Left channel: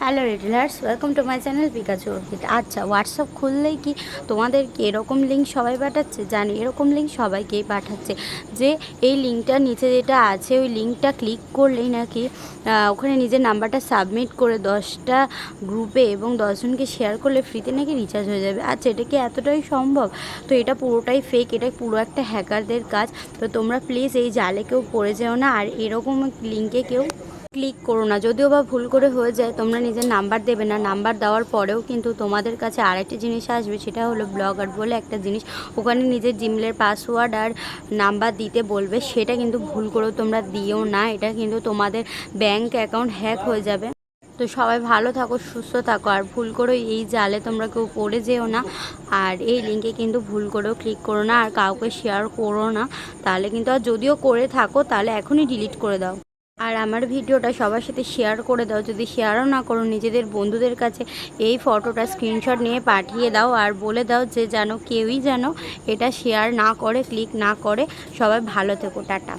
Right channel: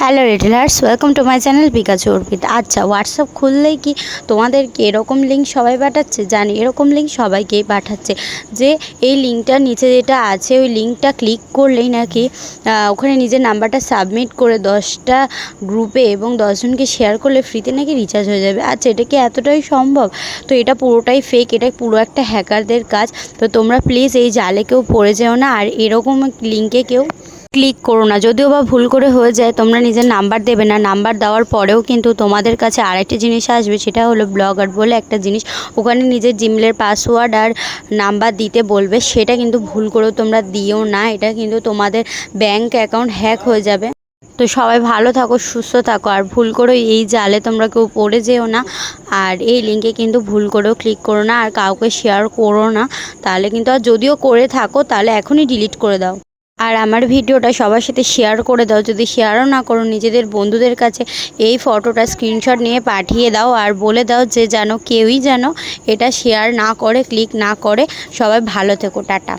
Hello retailers welcome to my channel Pikachu Arpit আচ্ছা WhatsApp খুললেই কি তোমাদেরকে এরকম লিঙ্ক সবাই পাঠাচ্ছে? জানি, এরকম লিঙ্ক সবাইকেই পাঠাচ্ছে। যে এই লিঙ্কটার নিচে যেটা আছে, ওই লিঙ্কটা ক্লিক করলেই নাকি ওখানে নিজের নাম্বারটা সাবমিট করে দশটা গ্রুপে এবং দশজনকে শেয়ার করলে ফ্রিতে নাকি রিচার্জ হয়ে যাবে। আচ্ছা এটা কি এতটাই সম্ভব? তো এটা পুরোটাই ফেক এটা পুরো একটা হ্যাকারদের কাজ। তো তোমরা প্লিজ এই জালে কেউ পড়ে যেও না। আর এরকম লিঙ্কে কেউ ক্লিক করো না। যদিও বা ভুল করে হয়ে যায়, তোমরা নিজের নাম্বার দেবে না। নাম্বার দেওয়ার পরেও কিন্তু তোমাদের কাছে আরেকটি জিনিস আসবে, সেটা হলো ব্লগার বলে একটা জিনিস। ওখানে নিজের জিমেলের পাসওয়ার্ড আর নাম্বার দিতে বলবে, সেটা কিন্তু ভুল করেও তোমরা দিও না। এটা কিন্তু তোমাদের ব্যাংক অ্যাকাউন্ট হ্যাক হয়ে যাবে। তো সবাই ভালো থাকো, সুস্থ থাকো। আর ভুল করে এই জালে তোমরা কেউ পড়ে যেও না। আর এই লিঙ্কে কিন্তু ভুল করেও ক্লিক করো না। আর কাউকে শেয়ার করো না। তাহলে কিন্তু আর যদিও করে থাকো, তাহলে এখনই ডিলিট করে দাও। আর আমার ভিডিওটা সবার সাথে শেয়ার করে দাও। যদি শেয়ারও না করো, নিজেদের বন্ধুদের কাছে এই ফটোটা স্ক্রিনশট নিয়ে পাঠিয়ে দাও আর বলে দাও যে যেন কেউই যেন এটা শেয়ার না করে ক্লিক না করে। সবাই ভালো থেকো, টাটা।